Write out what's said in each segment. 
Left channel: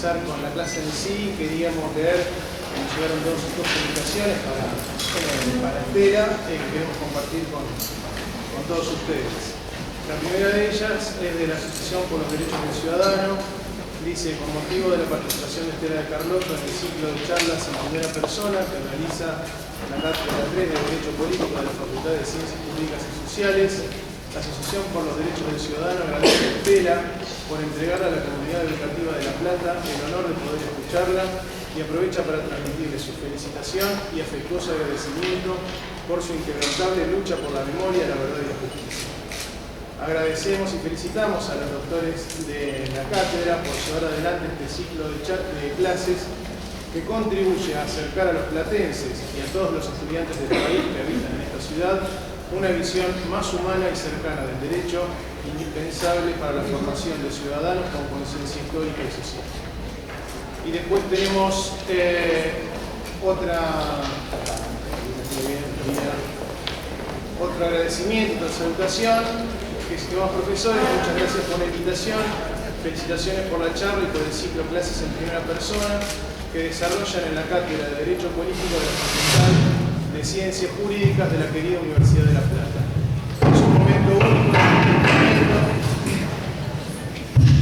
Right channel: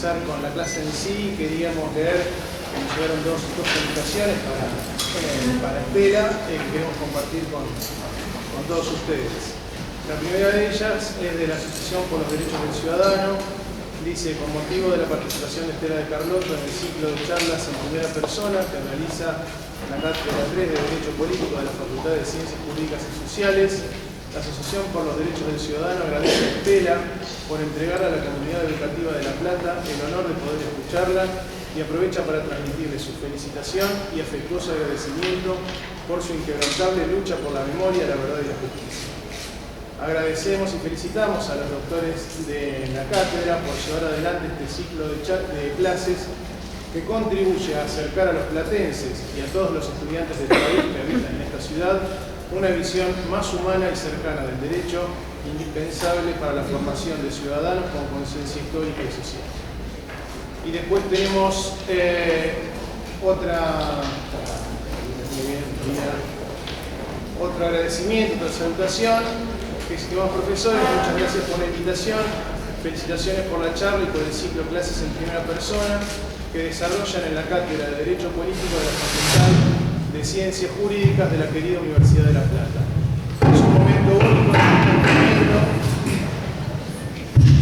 empezar con la clase en sí, queríamos leer, nos llegaron dos publicaciones para Estela que queremos compartir con todos ustedes. La primera de ellas es de la Asociación por los Derechos del Ciudadano. Dice: con motivo de la participación de Estela de Carlotto en el ciclo de charlas en primera persona que realiza la Cátedra 3 de Derecho Político de la Facultad de Ciencias Jurídicas y Sociales, la Asociación por los Derechos del Ciudadano agradece a Estela por entregar a la comunidad educativa de La Plata el honor de poder escucharla y aprovecha para transmitirle su felicitación y afectuoso agradecimiento por su inquebrantable lucha por la memoria, la verdad y la justicia. Agradecemos y felicitamos a los doctores de la cátedra por llevar adelante este ciclo de clases que contribuye a acercar a los platenses y a todos los estudiantes del país que habitan en esta ciudad una visión más humana y cercana del derecho, indispensable para la formación de ciudadanos con conciencia histórica y social. Y después tenemos otro agradecimiento, otra salutación. Estimados profesores, muchas gracias por la invitación, felicitaciones por la charla y por el ciclo Clases en Primera Persona que desarrollan en la Cátedra de Derecho Político de la Facultad de Ciencias Jurídicas de la querida Universidad de La Plata. Es un momento único de entendimiento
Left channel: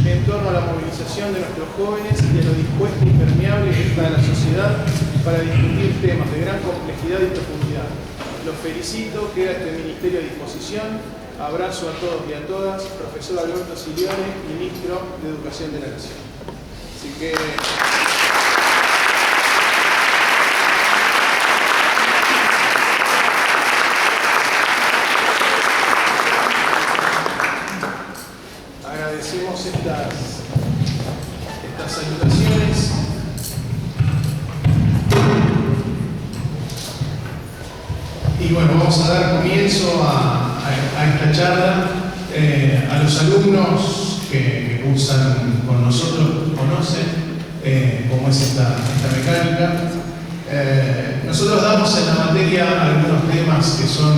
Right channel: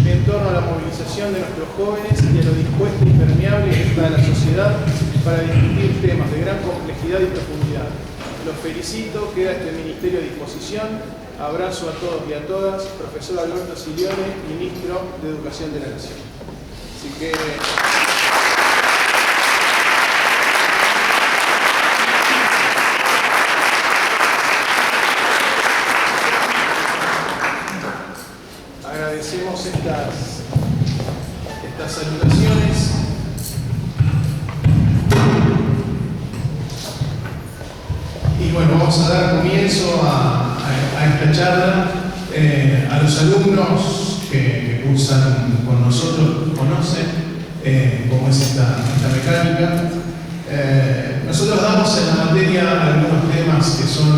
en torno a la movilización de nuestros jóvenes y a lo dispuesta y permeable que está la sociedad para discutir temas de gran complejidad y profundidad. Los felicito, queda este ministerio a disposición. Abrazo a todos y a todas. Profesor Alberto Silione, Ministro de Educación de la Nación. Así que... agradecemos estas salutaciones. Y bueno, vamos a dar comienzo a esta charla. A los alumnos que cursan con nosotros conocen cómo es esta mecánica. Nosotros damos en la materia algunos temas que son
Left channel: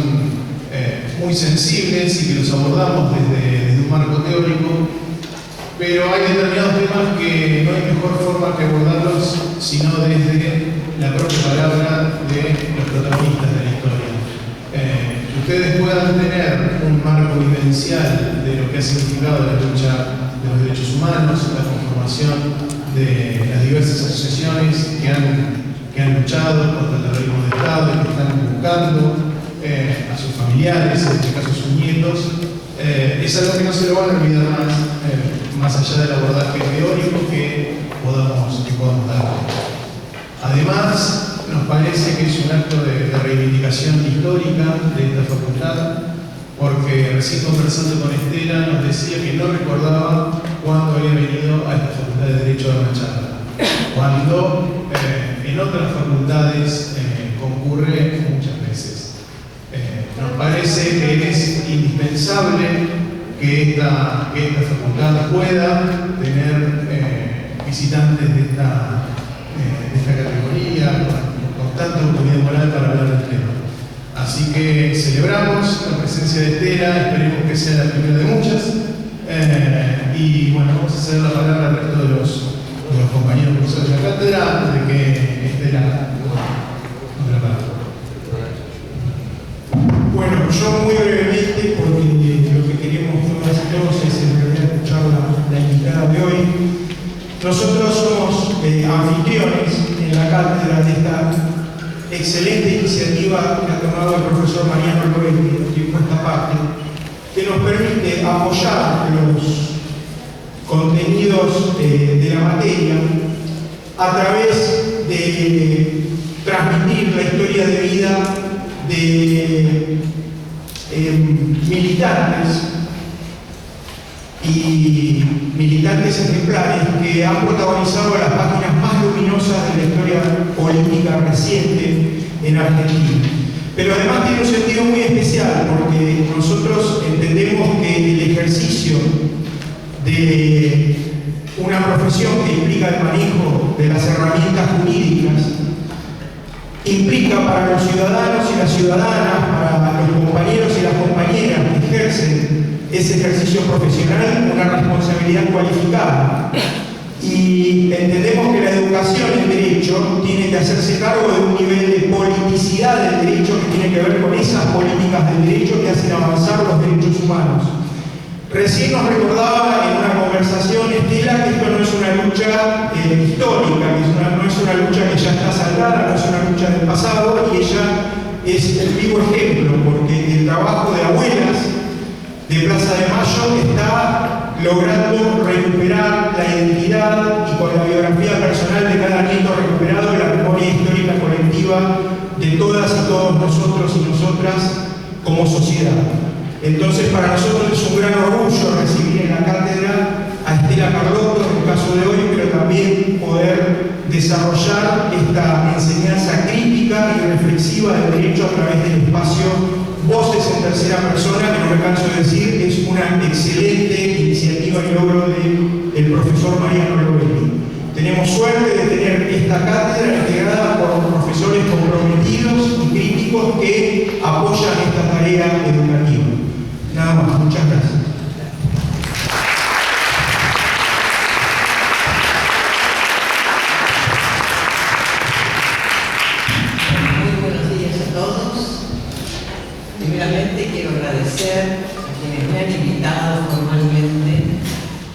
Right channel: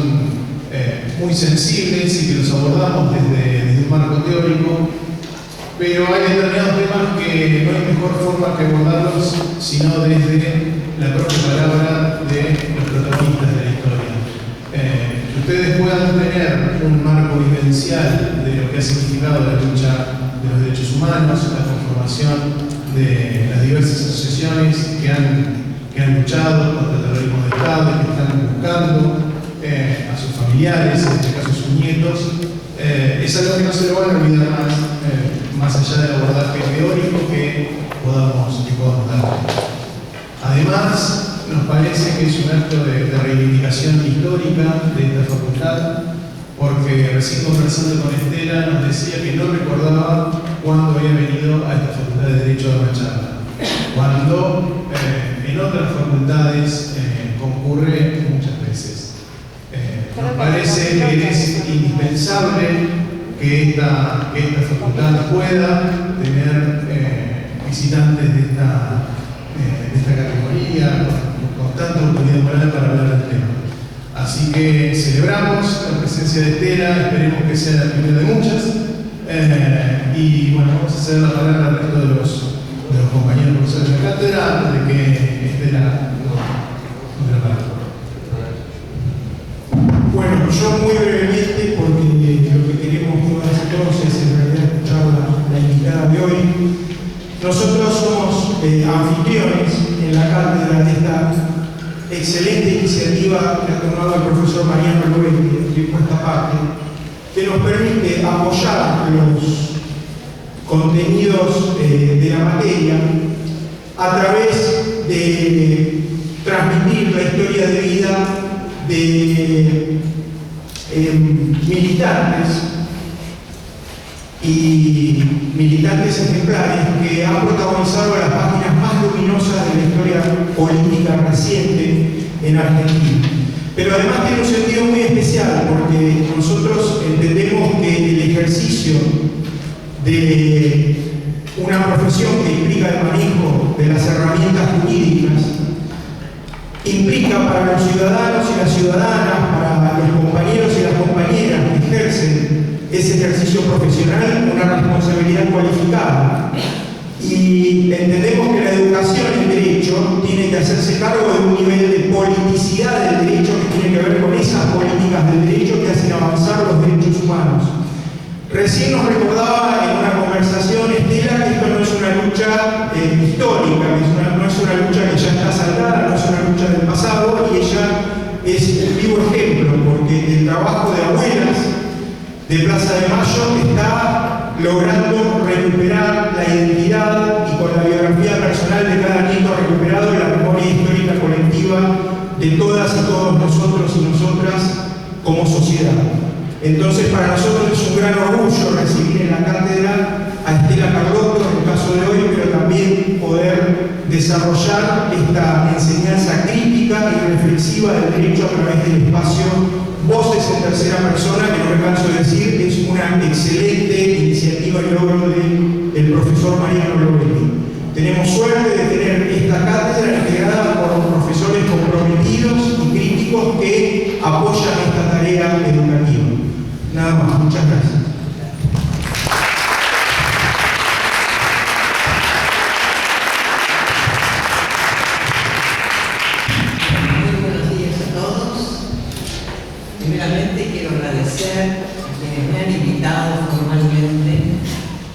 muy sensibles y que los abordamos desde un marco teórico, pero hay determinados temas que no hay mejor forma que abordarlos sino desde la propia palabra de los protagonistas de la historia. Que ustedes puedan tener un marco vivencial de lo que ha significado la lucha de los derechos humanos, la conformación de las diversas asociaciones que han luchado contra el terrorismo de Estado y que están buscando a sus familiares, en este caso sus nietos, es algo que no se lo van a olvidar más allá del abordaje teórico que podamos dar. Además, nos parece que es un acto de reivindicación histórica de esta facultad, porque recién conversando con Estela nos decía que no recordaba cuándo había venido a esta facultad de Derecho a una charla, cuando en otras facultades concurre muchas veces. Nos parece que es indispensable que esta facultad pueda tener visitantes de esta categoría, con tanta autoridad moral para hablar del tema. Así que celebramos la presencia de Estela, esperemos que sea la primera de muchas. Y bueno, vamos a hacer la palabra al resto de los compañeros profesores de la cátedra antes de que Estela nos la palabra. Bueno, yo muy brevemente, porque lo que queremos todos es en realidad escuchar la invitada de hoy. Nosotros somos anfitriones en la cátedra de esta excelente iniciativa que ha tomado el profesor Mariano Loetti, que por esta parte, que nos permite apoyar los contenidos de la materia a través de transmitir la historia de vida de militantes ejemplares que han protagonizado las páginas más luminosas de la historia política reciente en Argentina. Pero además tiene un sentido muy especial porque nosotros entendemos que el ejercicio de una profesión que implica el manejo de las herramientas jurídicas implica para los ciudadanos y las ciudadanas, para los compañeros y las compañeras que ejercen ese ejercicio profesional una responsabilidad cualificada. Y entendemos que la educación en derecho tiene que hacerse cargo de un nivel de politicidad del derecho que tiene que ver con esas políticas del derecho que hacen avanzar los derechos humanos. Recién nos recordaba en una conversación Estela que esto no es una lucha histórica, que no es una lucha que ya está saldada, no es una lucha del pasado, y ella es el vivo ejemplo, porque el trabajo de abuelas de Plaza de Mayo está logrando recuperar la identidad y con la biografía personal de cada nieto recuperado la memoria histórica colectiva de todas y todos nosotros y nosotras como sociedad. Entonces, para nosotros es un gran orgullo recibir en la cátedra a Estela Carlotto, en el caso de hoy, pero también poder desarrollar esta enseñanza crítica y reflexiva del derecho a través del espacio Voces en Tercera Persona, que no me canso de decir, es una excelente iniciativa y logro del profesor Mariano Lovelli. Tenemos suerte de tener esta cátedra integrada por profesores comprometidos y críticos que apoyan esta tarea educativa. Nada más, muchas gracias. Muy buenos días a todos. Primeramente quiero agradecer a quienes me han invitado formalmente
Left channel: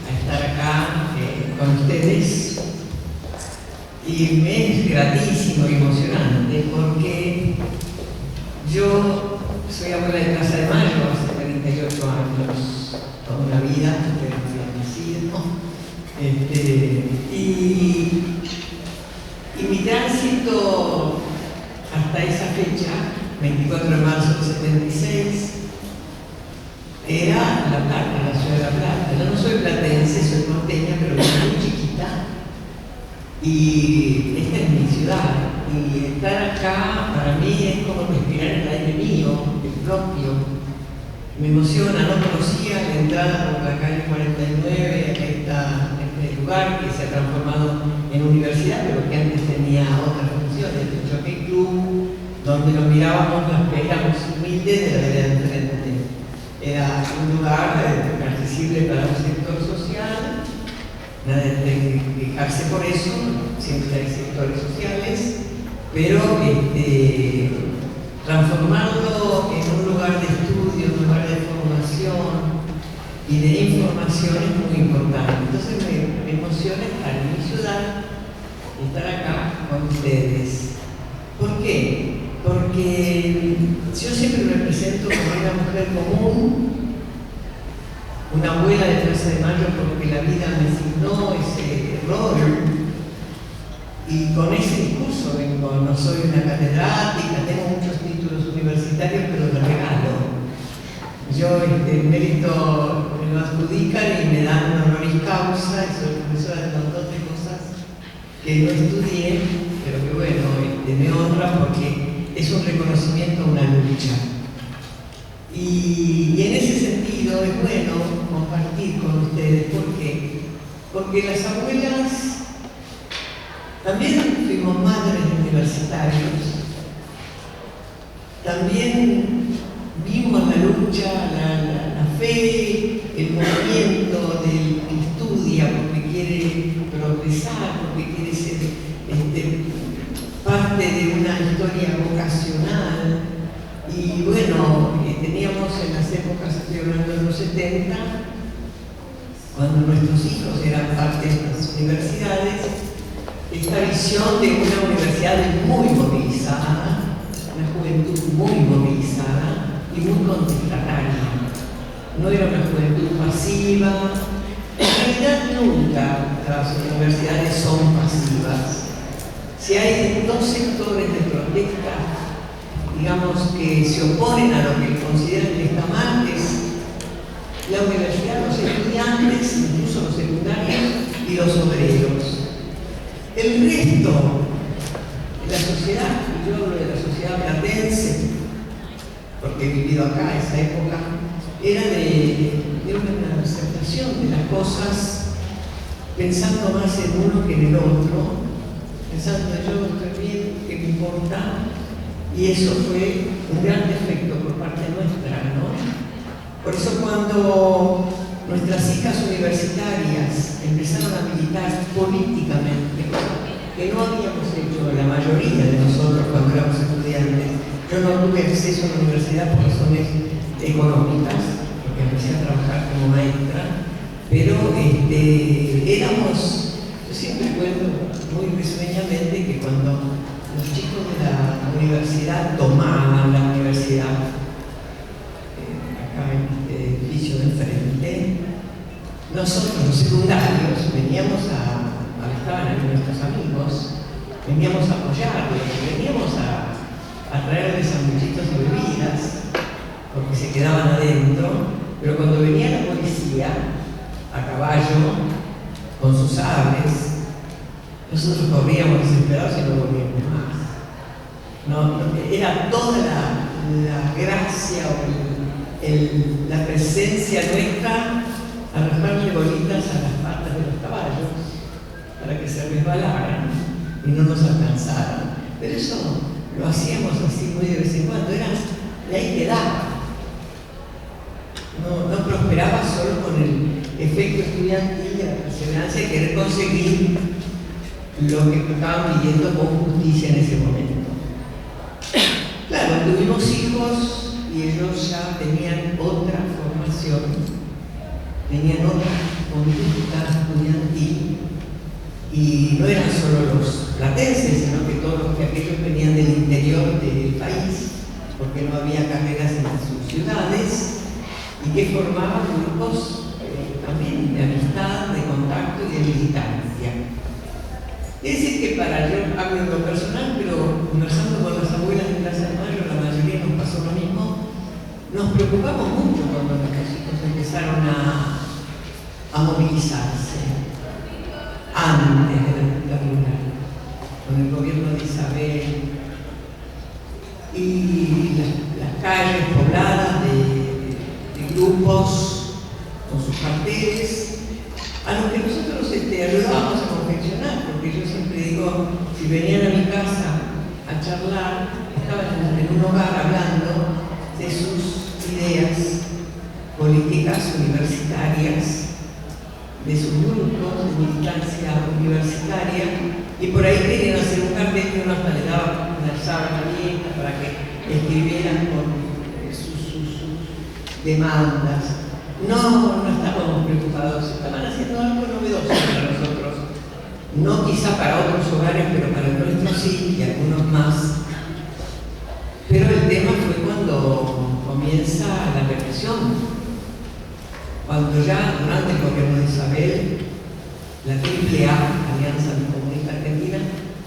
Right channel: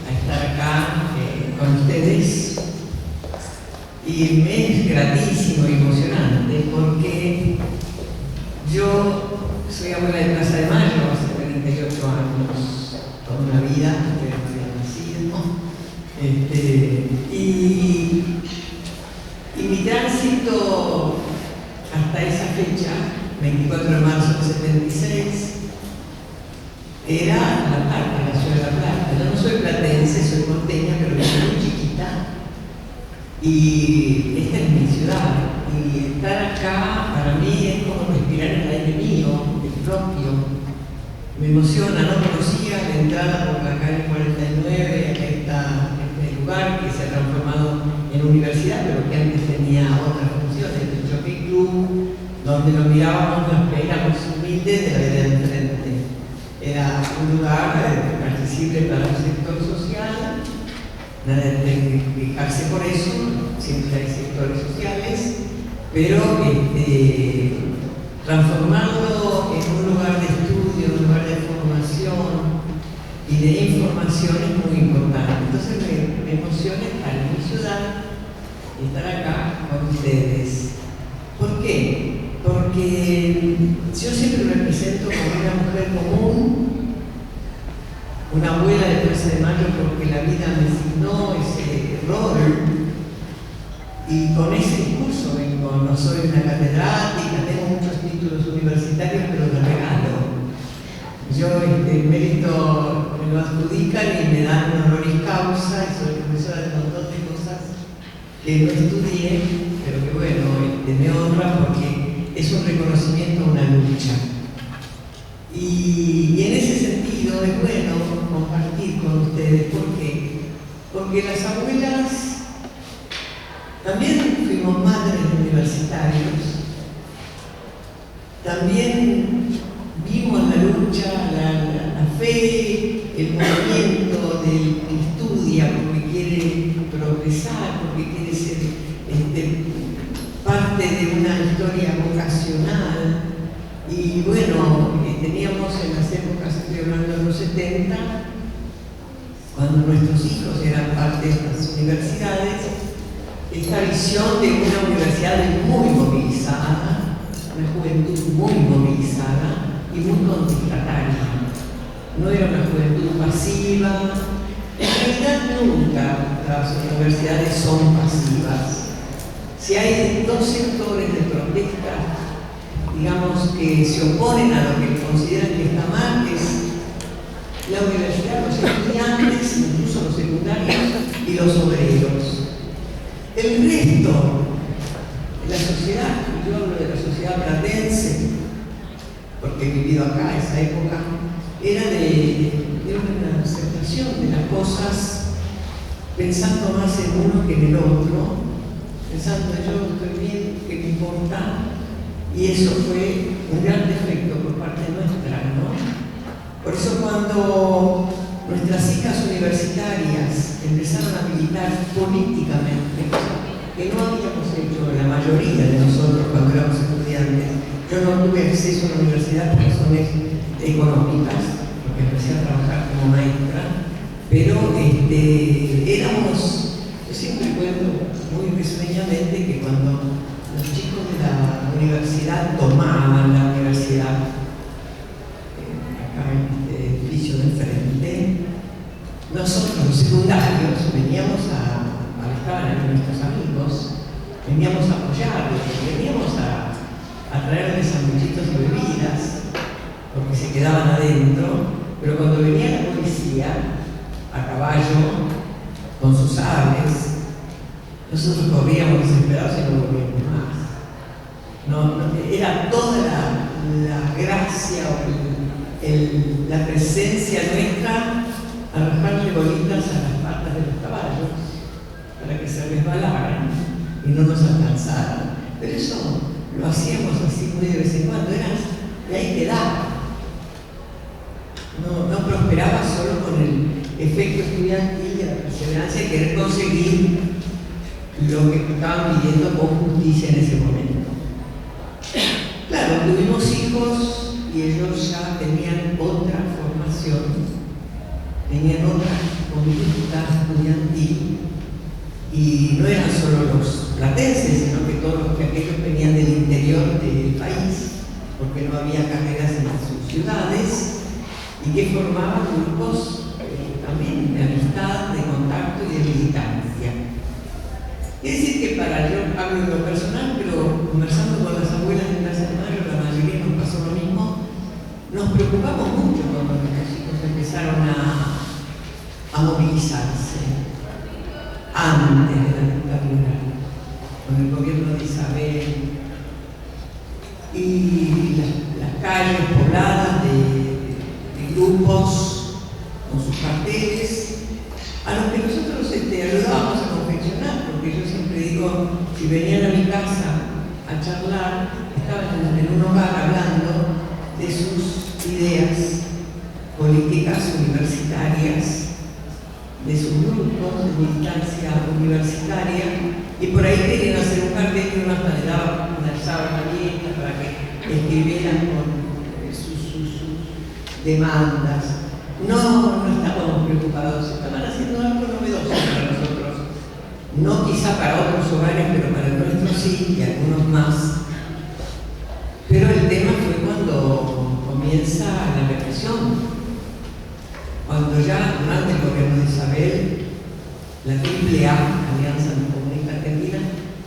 a estar acá con ustedes. Y me es gratísimo y emocionante porque yo soy abuela de Plaza de Mayo hace 38 años, toda una vida, que no había nacido. Y mi tránsito hasta esa fecha, 24 de marzo del 76, era La Plata, la ciudad de La Plata. Yo no soy platense, soy porteña, pero soy muy chiquita. Y esta es mi ciudad. Y estar acá para mí es como respirar el aire mío, el propio. Me emociona, no conocía la entrada por la calle 49, este lugar que se ha transformado en universidad, pero que antes tenía otras funciones, el Jockey Club, donde nos mirábamos los que éramos humildes de la vida de enfrente. Era un lugar accesible para un sector social, nada de quejarse por eso, siempre hay sectores sociales, pero transformarlo en un lugar de estudio, un lugar de formación y de información es muy importante. Entonces me emociona estar en mi ciudad y estar acá con ustedes. ¿Por qué? Porque yo siempre me presento como una mujer común, una abuela de Plaza de Mayo porque la vida me asignó ese rol. Y con ese discurso vengo, no soy una catedrática, tengo muchos títulos universitarios, pero los regalo. Yo el mérito me lo adjudican y me dan un honoris causa, y soy profesora de un montón de cosas que no estudié, pero que bueno, me honra porque es un reconocimiento a una lucha. Y en ese sentido es bueno compartir con ustedes, ¿por qué? Porque las abuelas también fuimos madres universitarios, también vimos la lucha, la fe, el movimiento del que estudia porque quiere progresar, porque quiere ser parte de una historia vocacional. Y bueno, teníamos en las épocas, estoy hablando de los 70, cuando nuestros hijos eran parte de las universidades, esta visión de una universidad muy movilizada, una juventud muy movilizada y muy contestataria. No era una juventud pasiva. En realidad nunca las universidades son pasivas. Si hay dos sectores de protesta, digamos, que se oponen a lo que consideran que está mal, es la universidad, los estudiantes, incluso los secundarios y los obreros. El resto de la sociedad, yo hablo de la sociedad platense, porque he vivido acá en esa época, era de una aceptación de las cosas, pensando más en uno que en el otro, pensando yo estoy bien, ¿qué me importa? Y eso fue un gran defecto por parte nuestra, ¿no? Por eso cuando nuestras hijas universitarias empezaron a militar políticamente, que no habíamos hecho la mayoría de nosotros cuando éramos estudiantes. Yo no tuve acceso a la universidad por razones económicas, porque empecé a trabajar como maestra, pero éramos, yo siempre cuento muy risueñamente que cuando los chicos de la universidad tomaban la universidad, acá en este edificio de enfrente, nosotros los secundarios veníamos estaban aquí nuestros amigos, veníamos a apoyarlos, veníamos a traerles sanguchitos y bebidas, porque se quedaban adentro, pero cuando venía la policía a caballo, con sus aves, nosotros corríamos desesperados y no volvíamos más. Era toda la gracia o la presencia nuestra arrojarle bolitas a las patas de los caballos para que se resbalaran y no nos alcanzaran. Pero eso lo hacíamos así muy de vez en cuando, era de ahí quedaba. No prosperaba solo con el efecto estudiantil de la perseverancia y querer conseguir lo que estaban pidiendo con justicia en ese momento. Claro, tuvimos hijos y ellos ya tenían otra formación, tenían otra conducta estudiantil, y no eran solo los platenses, sino que todos aquellos venían del interior del país, porque no había carreras en sus ciudades, y que formaban grupos también de amistad, de contacto y de militancia. Es decir, que yo hablo de lo personal, pero conversando con las abuelas de Plaza de Mayo, la mayoría nos pasó lo mismo. Nos preocupamos mucho cuando nuestros hijos empezaron a movilizarse antes de la dictadura, con el gobierno de Isabel y las calles pobladas de grupos con sus carteles, a los que nosotros ayudábamos a confeccionar, porque yo siempre digo, si venían a mi casa a charlar, estaban en un hogar hablando de sus ideas políticas universitarias, de sus grupos de militancia universitaria, y por ahí querían hacer un cartel que uno hasta le daba una sábana abierta para que escribieran con sus demandas. No estábamos preocupados, estaban haciendo algo novedoso para nosotros, no quizá para otros hogares, pero para el nuestro sí, y algunos más. Pero el tema fue cuando comienza la represión. Cuando ya durante el gobierno de Isabel, la AAA, Alianza Anticomunista Argentina,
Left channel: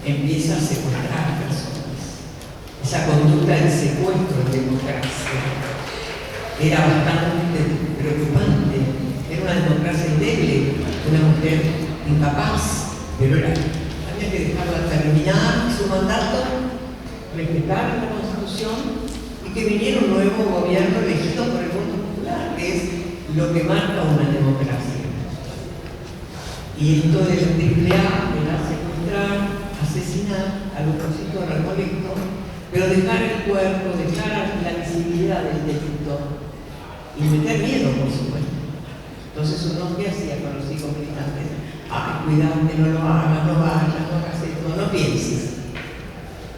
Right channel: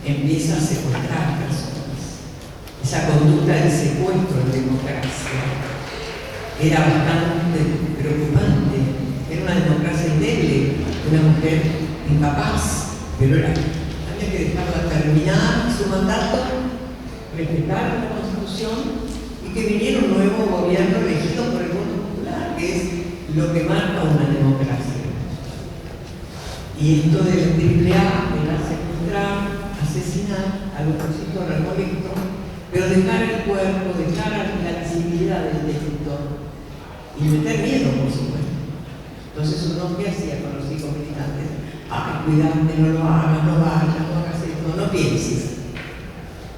empieza a secuestrar personas. Esa conducta de secuestro en democracia era bastante preocupante. Era una democracia endeble, una mujer incapaz, pero había que dejarla terminar su mandato, respetar la Constitución y que viniera un nuevo gobierno elegido por el voto popular, que es lo que marca una democracia. Y esto de la AAA era secuestrar, asesinar al opositor, al colecto, pero dejar el cuerpo, dejar la visibilidad del delito y meter miedo, por supuesto. Entonces uno, ¿qué hacía con los hijos militantes? Cuidate, no lo hagas, no vayas, no hagas esto, no pienses.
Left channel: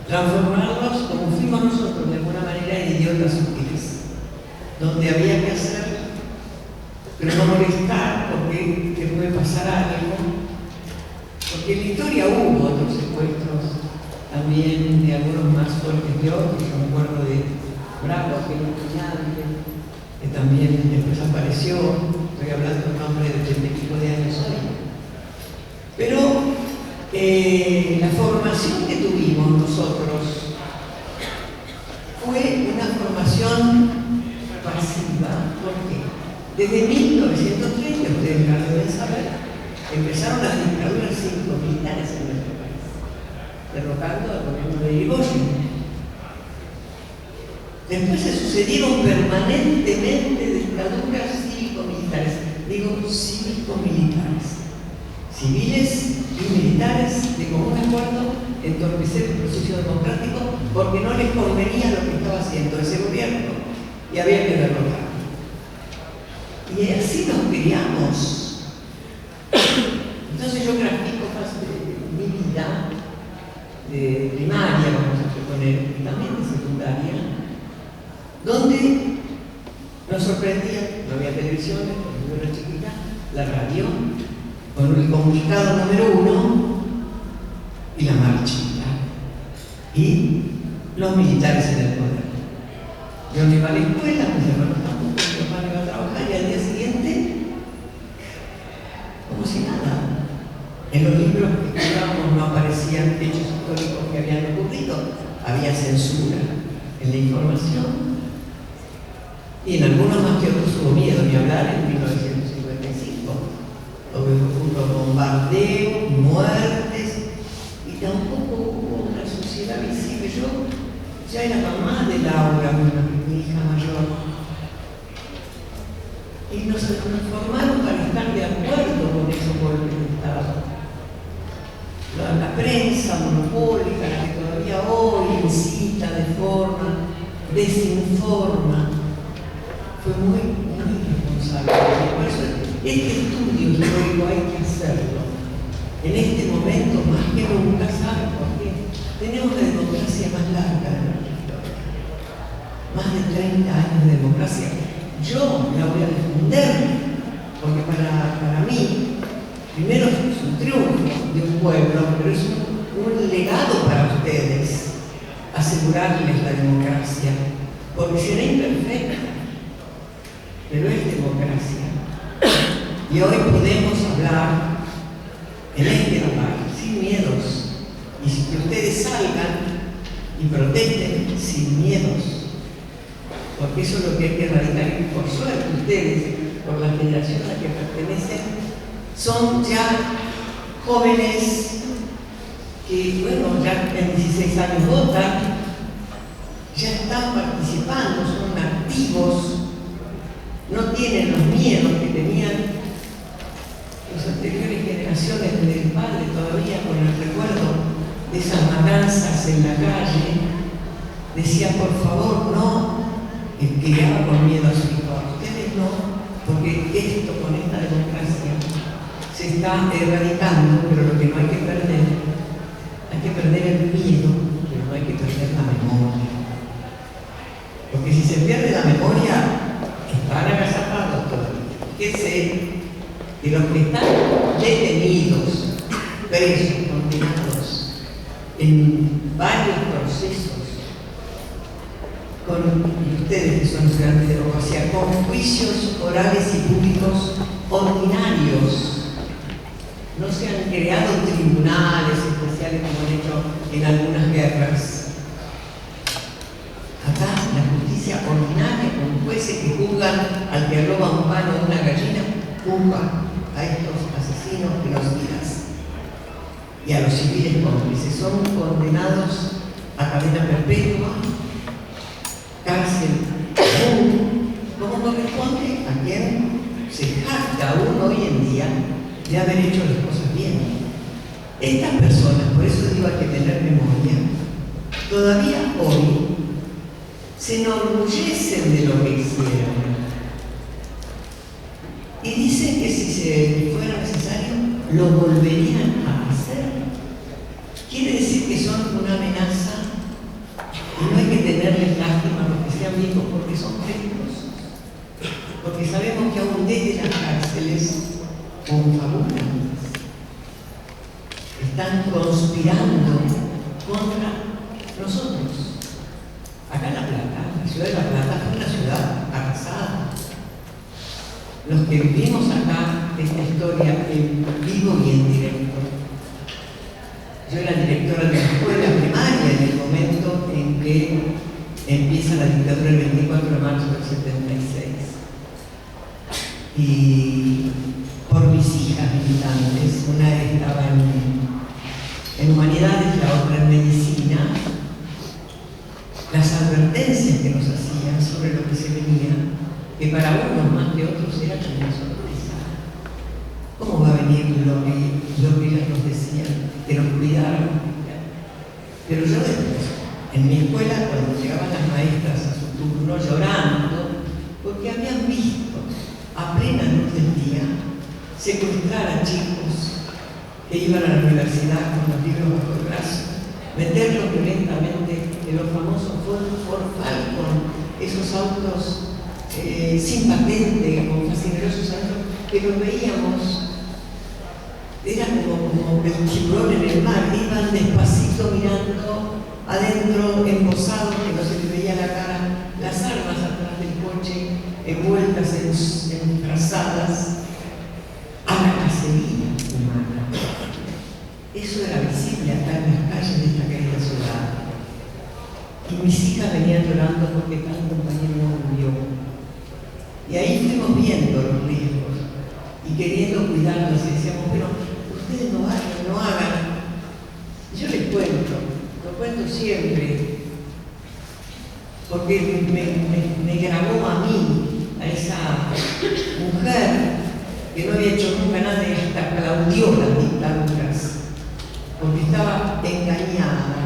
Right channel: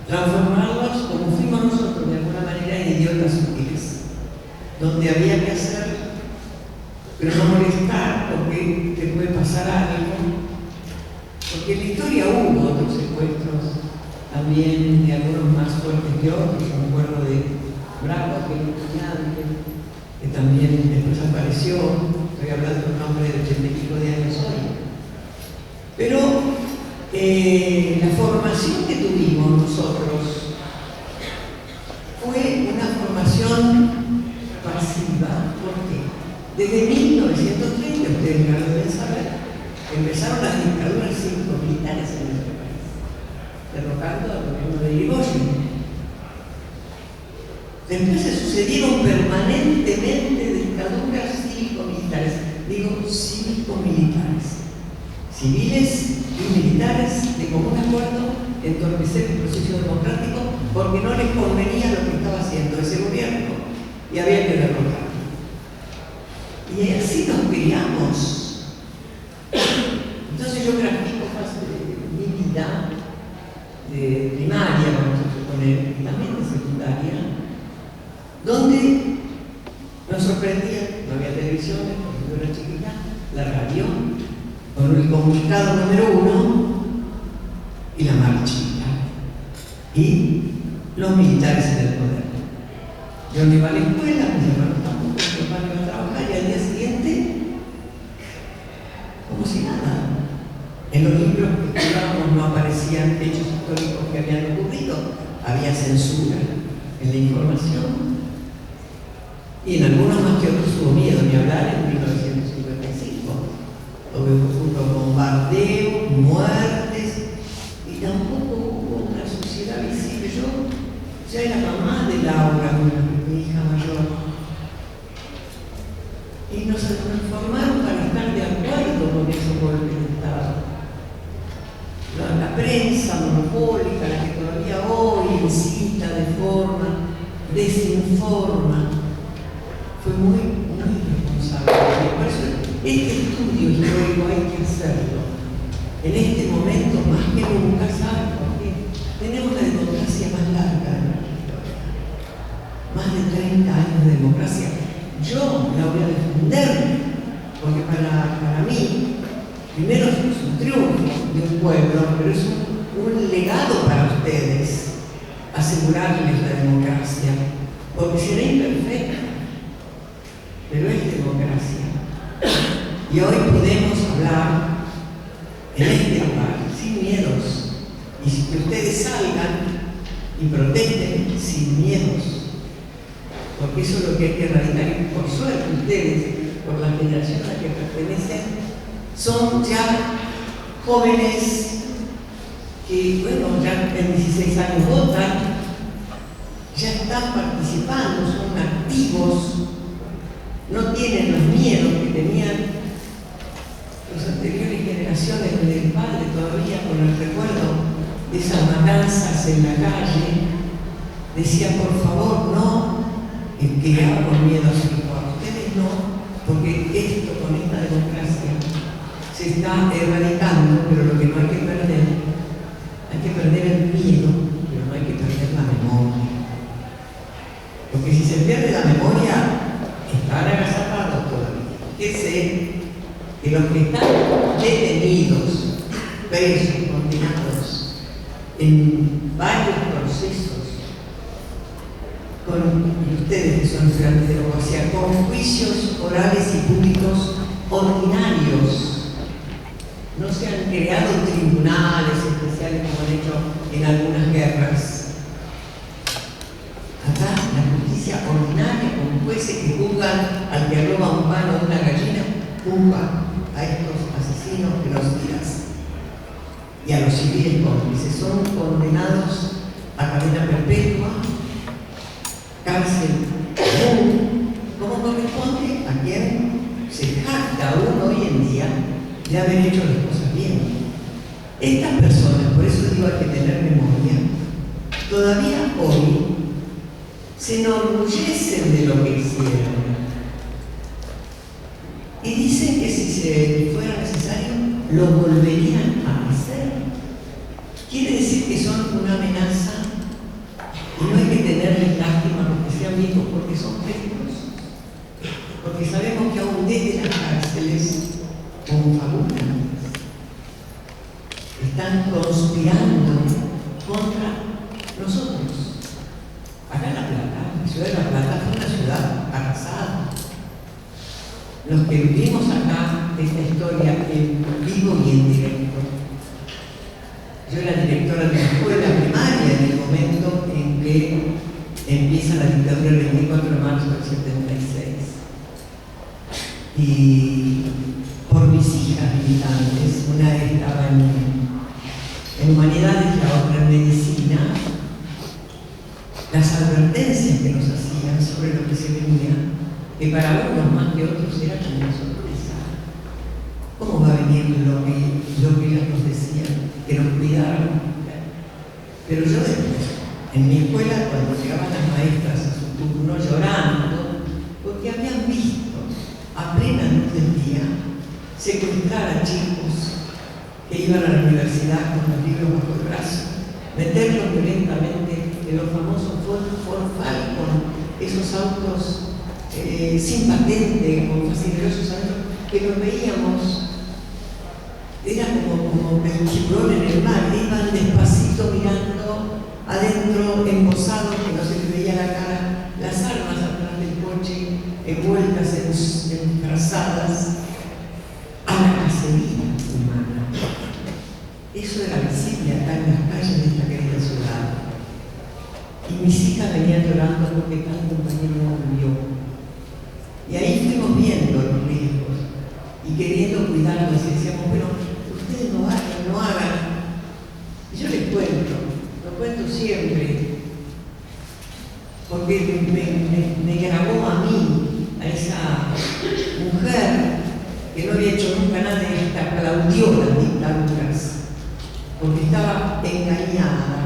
Transformarlos como fuimos nosotros de alguna manera en idiotas útiles, donde había que hacer, pero no molestar porque te puede pasar algo, porque en la historia hubo otros secuestros también de algunos más fuertes que otros. Yo me acuerdo de Bravo, que era un estudiante, que también después apareció, estoy hablando de un hombre de 80 y pico de años hoy. Pero la formación que tuvimos nosotros fue una formación pasiva, porque desde 1930, ustedes ya lo deben saber, empezaron las dictaduras cívico-militares en nuestro país, derrocando al gobierno de Irigoyen. Después se sucedieron permanentemente dictaduras cívico-militares, digo cívico-militares, civiles y militares de común acuerdo entorpecer el proceso democrático porque no les convenía lo que estaba haciendo ese gobierno y había que derrotarlo. Y así nos criamos. Entonces yo grafico parte de mi vida, de primaria, vamos a suponer, y también de secundaria, donde nos sorprendía, no había televisiones, porque yo era chiquita, la radio, con el comunicado número 1 y la marchita, y los militares en el poder. Yo no iba a la escuela, mis hermanos tampoco, mi papá iba a trabajar, y al día siguiente, como si nada. En los libros que estudiábamos no aparecían hechos históricos que habían ocurrido, había censura en la información. Y en algunos más que otros hubo miedo, ni hablar en 1955, donde hubo bombardeos, muertes, y tampoco hubo una sociedad visible. Yo ya era mamá de Laura, mi hija mayor, y nos informaron para estar de acuerdo con esos golpes de Estado. La prensa monopólica, la que todavía hoy incita, deforma, desinforma, fue muy irresponsable. Por eso este estudio histórico hay que hacerlo. En este momento, más que nunca, ¿saben por qué? Tenemos la democracia más larga de nuestra historia. Más de 30 años de democracia. Yo la voy a defender, porque para mí, primero es un triunfo de un pueblo, pero es un legado para ustedes, asegurarles la democracia, porque será imperfecta, pero es democracia. Y hoy podemos hablar en este lugar, sin miedos, y que ustedes salgan y protesten sin miedos, porque eso es lo que hay que erradicar. Y por suerte ustedes, por la generación a la que pertenecen, son ya jóvenes que, bueno, ya en 16 años votan, ya están participando, son activos, no tienen los miedos que tenían las anteriores generaciones del padre, todavía con el recuerdo de esas matanzas en la calle. Decía, por favor, no, el que criaba con miedo a su hijo. Ustedes no, porque esto con esta democracia se está erradicando, pero lo que no hay que perder el miedo, pero no hay que perder la memoria. Porque si se pierde la memoria, están agazapados todavía. Fíjense que los que están detenidos, presos, condenados en varios procesos, y ustedes que son estudiantes de abogacía, con juicios orales y públicos ordinarios. No se han creado tribunales especiales como han hecho en algunas guerras. Acá la justicia ordinaria, con jueces que juzgan al que roba un palo de una gallina, juzga a estos asesinos genocidas y a los civiles cómplices. Son condenados a cadena perpetua, cárcel común, como corresponde a quien se jacta uno hoy en día de haber hecho las cosas bien. Estas personas, por eso digo hay que tener memoria, todavía hoy se enorgullecen de lo que hicieron y dicen que si fuera necesario lo volverían a hacer. Quiere decir que son una amenaza y no hay que tenerles lástima porque sean viejos, porque son peligrosos, porque sabemos que aún desde las cárceles confabulan, están conspirando contra nosotros. Acá en La Plata, la ciudad de La Plata fue una ciudad arrasada. Los que vivimos acá esta historia en vivo y en directo. Yo era directora de la escuela primaria en el momento en que empieza la dictadura el 24 de marzo del 76. Y por mis hijas militantes, una estaba en humanidades, la otra en medicina, las advertencias que nos hacían sobre lo que se venía, que para unos más que otros era como una sorpresa. ¿Cómo va a venir lo que ellas nos decían? Que nos cuidaran. Pero yo después, en mi escuela, cuando llegaban las maestras a su turno llorando, porque habían visto a plena luz del día, secuestrar a chicos que iban a la universidad con los libros bajo el brazo, meterlos violentamente en los famosos Ford Falcon, esos autos sin patente, con fascinerosos autos, que los veíamos, era como el tiburón en el mar, iban despacito mirando adentro, embosados, que no se les veía la cara, las armas atrás del coche, envueltas en trazadas, a la cacería humana. Eso era visible acá en las calles de esta querida ciudad. Y mis hijas venían llorando porque tal compañero murió. Y ahí fuimos viendo los riesgos y queriendo cuidarlos y decíamos, pero ustedes no hagan. Y yo les cuento, lo cuento siempre, porque me grabó a mí, a esa mujer que no había hecho nunca nada y hasta aplaudió las dictaduras, porque estaba engañada.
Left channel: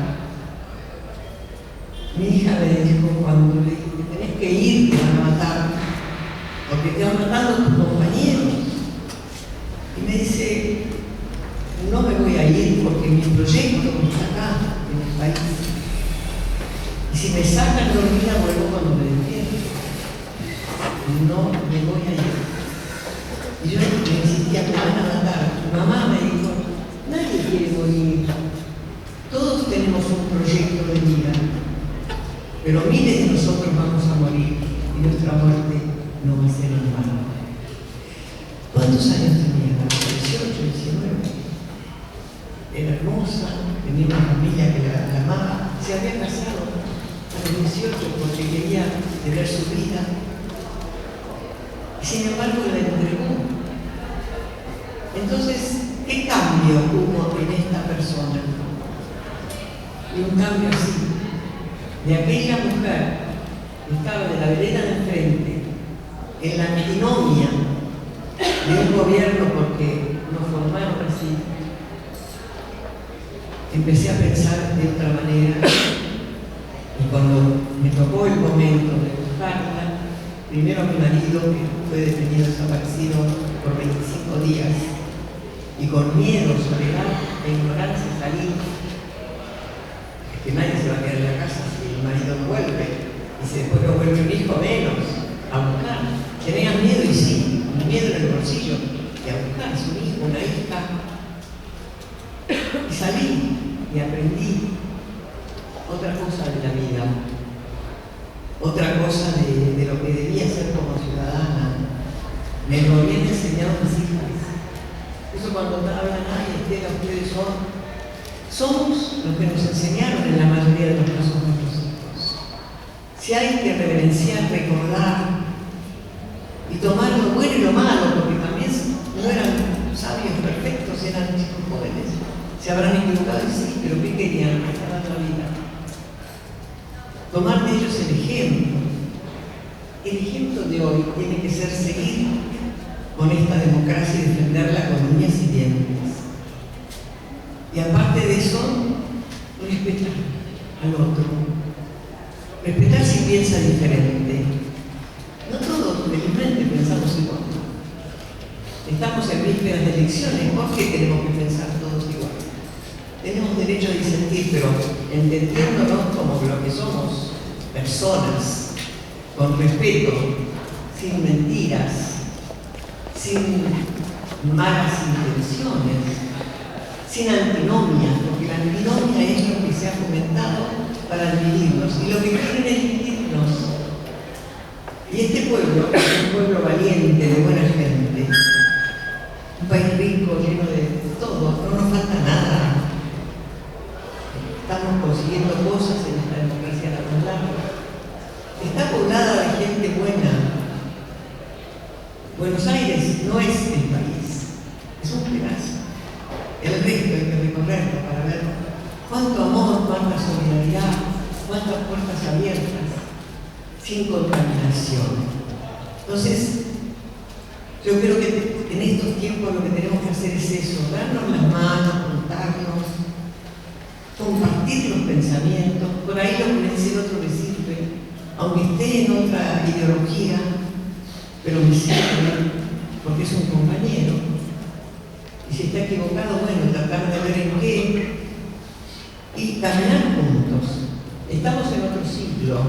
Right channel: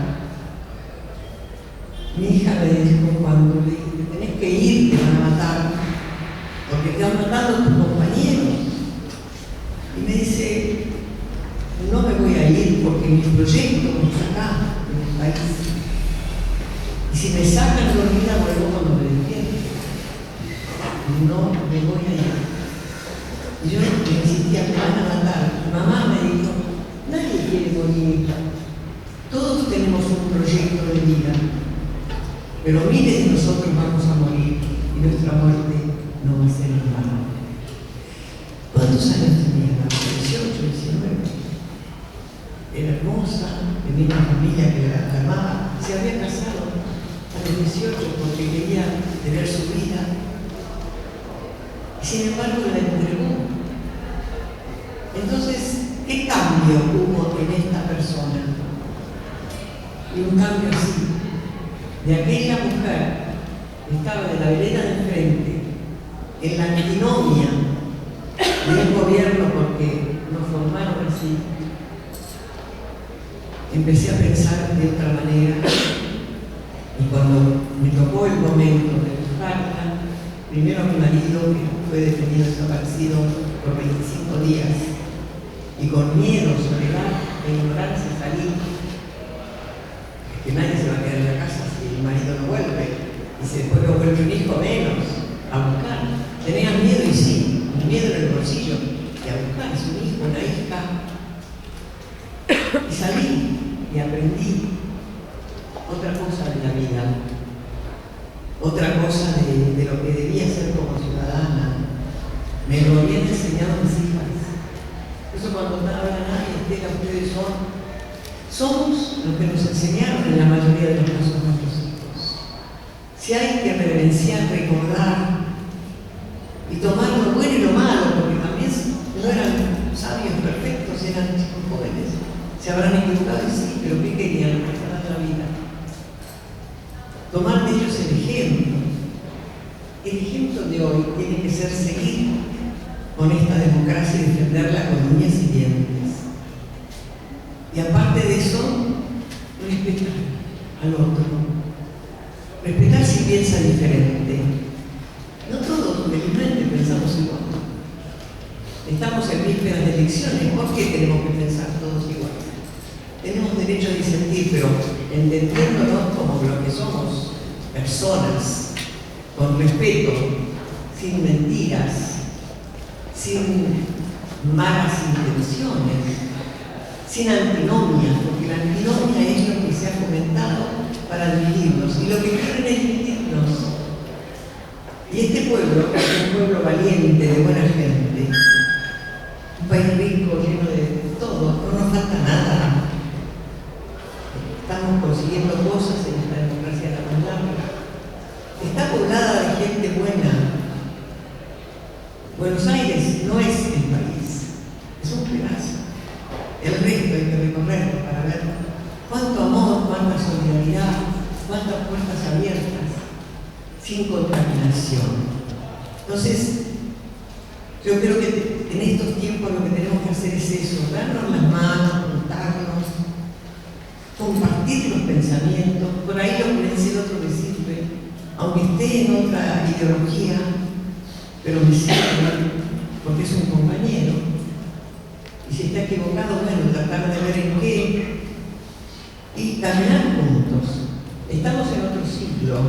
Mi hija me dijo cuando le dije, tenés que ir, te van a matar, porque te van matando tus compañeros. Y me dice, no me voy a ir porque mi proyecto está acá, en el país. Y si me sacan de vida, vuelvo cuando me despierto. No me voy a ir. Y yo le insistía, me van a matar. Mamá me dijo, nadie quiere morir. Todos tenemos un proyecto de vida. Pero miles de nosotros vamos a morir y nuestra muerte no va a ser en vano. ¿Cuántos años tenía? 18, 19. Era hermosa, tenía una familia que la amaba. Se había casado a los 18 porque quería tener su vida. Y sin embargo la entregó. Entonces, ¿qué cambio hubo en esta persona? Y un cambio así. De aquella mujer que estaba de la vereda de enfrente, en la antinomia del gobierno porque nos formaron así, empecé a pensar de otra manera y cuando me tocó el momento de buscarla, primero a mi marido que fue detenido desaparecido por 25 días y con miedo, soledad e ignorancia salí, que nadie se va a quedar en la casa si el marido no vuelve, y si después no vuelve un hijo menos, a buscar. Tenía miedo y sí, miedo en el bolsillo, y a buscar a su hijo, una hija. Y salí y aprendí otra cosa de la vida, otra cosa de lo que debía ser como ciudadana. Me lo habían enseñado mis hijas. Eso cuando hablan, ay, Estela, ustedes somos los que nos enseñaron en la mayoría de los casos nuestros hijos. Si hay que reverenciar, recordar y tomar lo bueno y lo malo, porque también no eran sabios perfectos, eran chicos jóvenes. Se habrán equivocado y sí, pero ¿qué querían? Mejorar la vida. Tomar de ellos el ejemplo. El ejemplo de hoy tiene que ser seguir con esta democracia y defenderla con uñas y dientes. Y aparte de eso, respetar al otro. Respetar si piensa diferente. No todos, felizmente, pensamos igual. Estamos en vísperas de elecciones, ¿por qué tenemos que pensar todos igual? Tenemos derecho a disentir, pero entendiéndonos como lo que somos, personas, con respeto, sin mentiras, sin malas intenciones, sin antinomia, porque la antinomia es lo que se ha fomentado para dividirnos, y lo que quieren es dividirnos. Y este pueblo es un pueblo valiente, de buena gente, un país rico, lleno de todo, no nos falta nada. Estamos consiguiendo cosas en esta democracia tan larga. Está poblada de gente buena. Buenos Aires no es el país, es un pedazo. El resto hay que recorrerlo para ver cuánto amor, cuánta solidaridad, cuántas puertas abiertas, sin contaminación. Entonces, yo creo que en estos tiempos lo que tenemos que hacer es eso, darnos las manos, contarnos, compartir los pensamientos, por ahí lo que le dice el otro le sirve, aunque esté en otra ideología, pero me sirve porque es un compañero. Y si está equivocado, bueno, tratar de ver en qué y caminar juntos. Estamos en otro siglo.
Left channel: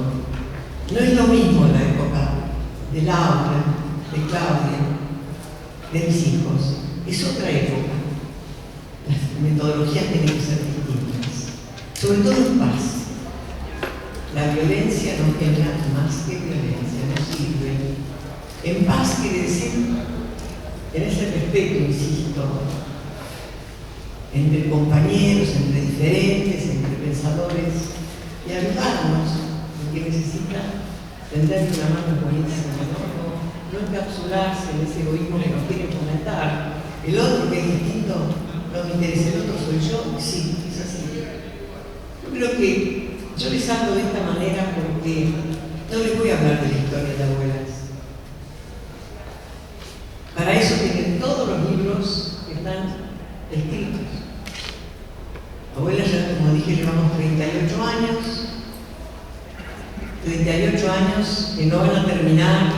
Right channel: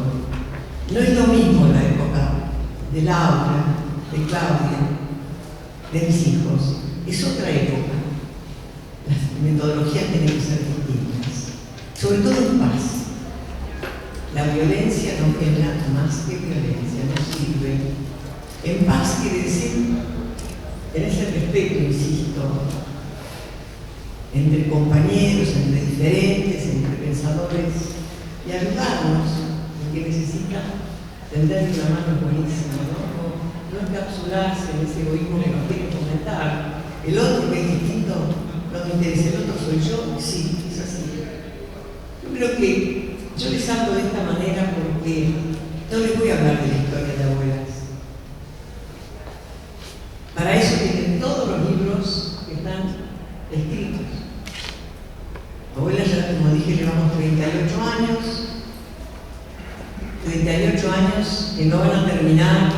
No es lo mismo la época de Laura, de Claudia, de mis hijos. Es otra época. Las metodologías tienen que ser distintas. Sobre todo en paz. La violencia no genera más que violencia, no sirve. En paz quiere decir, en ese respeto, insisto, entre compañeros, entre diferentes, entre pensadores, y ayudarnos en que necesita tenderle una mano buenísima, no encapsularse en ese egoísmo que nos quiere fomentar. El otro que es distinto, no me interesa, el otro soy yo, sí, es así. Yo creo que yo les hablo de esta manera porque no les voy a hablar de la historia de abuelas. Para eso tienen todos los libros que están escritos. Abuelas, ya como dije, llevamos 38 años. 38 años que no van a terminar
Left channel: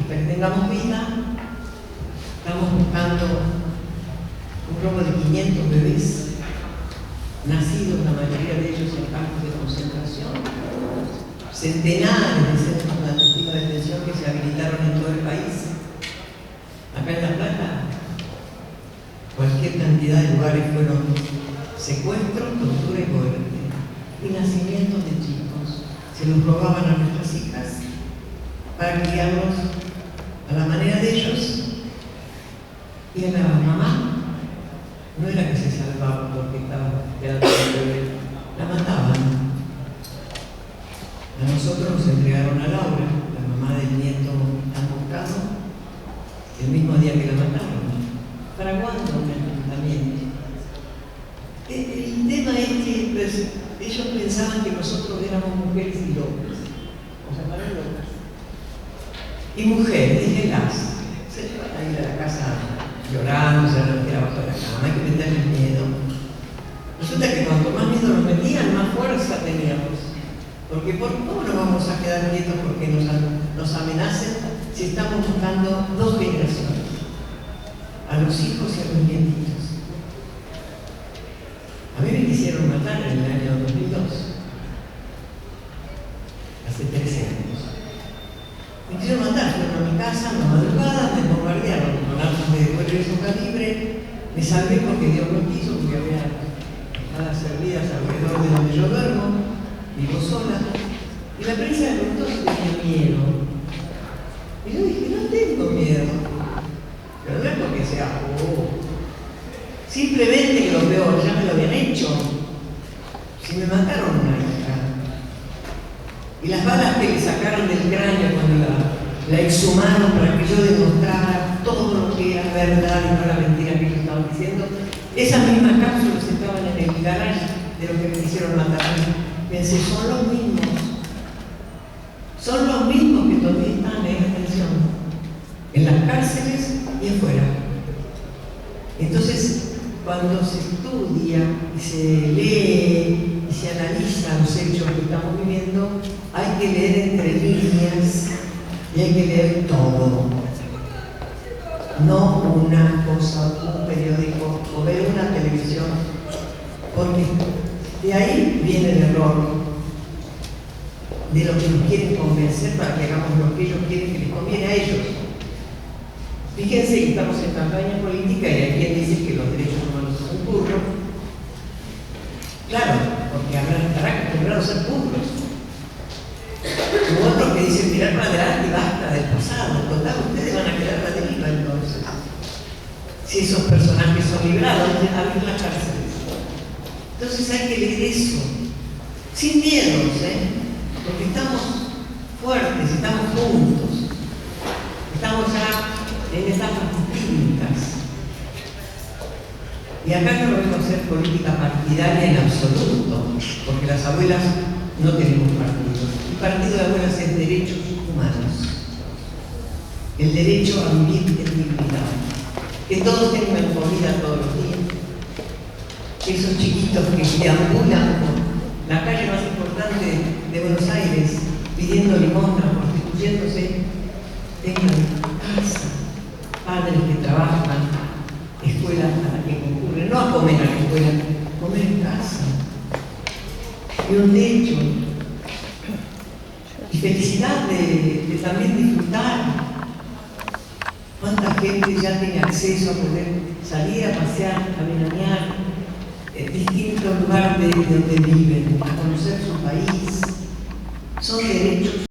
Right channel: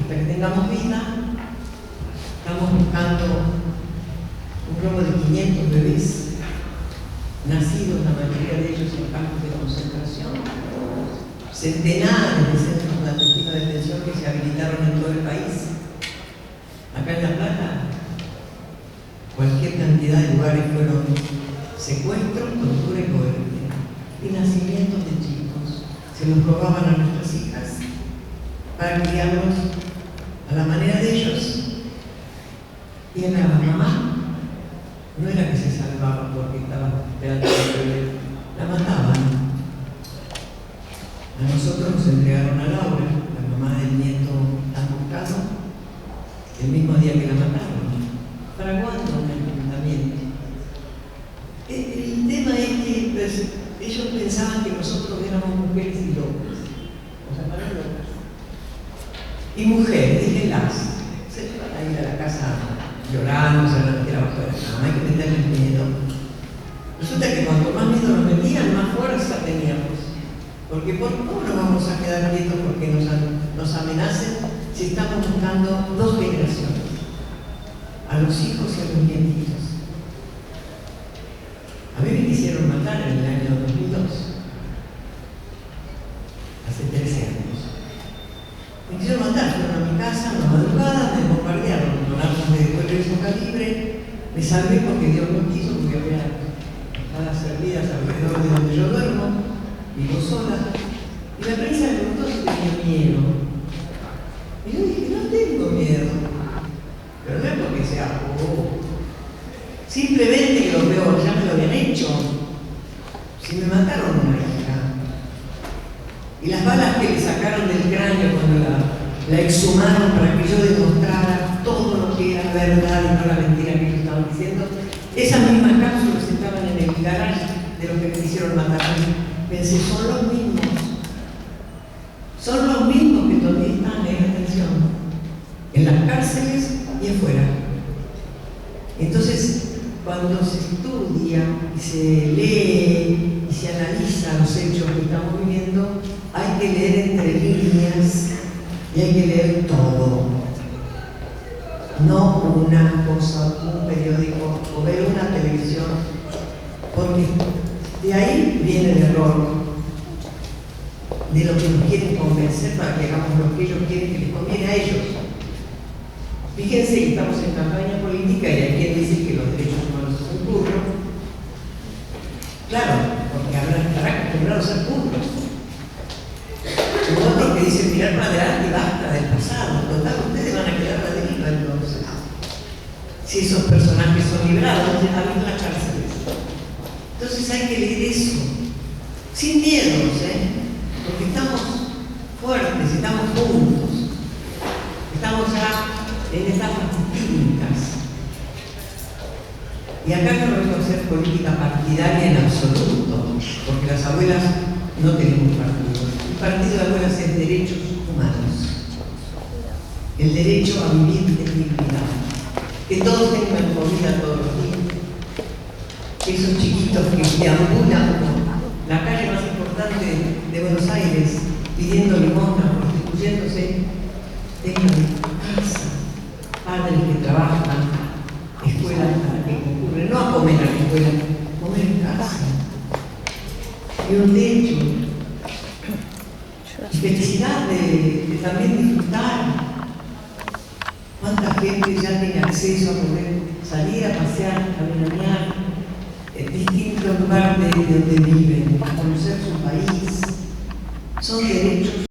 hasta que tengamos vida. Estamos buscando un grupo de 500 bebés nacidos, la mayoría de ellos en campos de concentración, centenares de centros clandestinos de detención que se habilitaron en todo el país. Acá en La Plata, cualquier cantidad de lugares fueron secuestros, tortura y coherencia, y nacimientos de chicos. Se los robaban a nuestras hijas para criarlos a la manera de ellos. Y a la mamá no era que se salvaba porque estaba esperando el bebé, la mataban. A nosotros nos entregaron a Laura, la mamá del nieto tan buscado, el mismo día que la mataron. ¿Para cuándo un enfrentamiento? El tema es que pues, ellos pensaban que nosotros éramos mujeres y locas. O sea, para locas. Y mujeres, déjenlas. Se les van a ir a la casa llorando, se van a meter abajo de la cama, hay que meterles miedo. Resulta que cuanto más miedo nos metían, más fuerza teníamos. Porque ¿cómo nos vamos a quedar quietos porque nos amenacen si estamos buscando dos generaciones? A los hijos y a los nietitos. A mí me quisieron matar en el año 2002, hace 13 años. Me quisieron matar, fueron a mi casa, una madrugada, me bombardearon con armas de poderoso calibre. Me salvé porque Dios lo quiso, porque había balas servidas alrededor de donde yo duermo, vivo sola. Y la prensa me preguntó si tenía miedo. Y yo dije, no tengo miedo. Pero no es porque sea simplemente que lo veo, ya me lo habían hecho. Si me mataron una hija. Y las balas que le sacaron del cráneo cuando la exhumaron para que yo demostrara todo lo que era verdad y no la mentira que ellos estaban diciendo, esas mismas cápsulas estaban en el garaje de los que me quisieron matar. Pensé, son los mismos. Son los mismos que todavía están en detención. En las cárceles y afuera. Entonces, cuando se estudia y se lee y se analiza los hechos que estamos viviendo, hay que leer entre líneas y hay que leer todo. No una cosa, un periódico o ver una televisión, porque de ahí viene el error de lo que nos quieren convencer para que hagamos lo que ellos quieren que les conviene a ellos. Fíjense que estamos en campaña política y hay quien dice que los derechos humanos son burros. Claro, porque estarán acostumbrados a ser burros. Hubo otros que dicen mirar para adelante y basta del pasado. Total, ustedes van a quedar a la deriva entonces. Si esos personajes son librados, abrir las cárceles. Entonces hay que leer eso. Sin miedos, porque estamos fuertes, estamos juntos. Estamos ya en etapas distintas. Y acá no vengo a hacer política partidaria en absoluto, porque las abuelas no tenemos partido. El partido de abuelas es derechos humanos. El derecho a vivir en dignidad. Que todos tengan comida todos los días. Que esos chiquitos que deambulan por la calle más importante de Buenos Aires, pidiendo limosna, prostituyéndose, tengan padres que trabajan, escuelas a las que concurren, no a comer a la escuela, comer en casa, y un techo, y felicidad de también disfrutar. ¿Cuánta gente ya tiene acceso a poder salir a pasear, a veranear en distintos lugares de donde viven, a conocer su país? Son derechos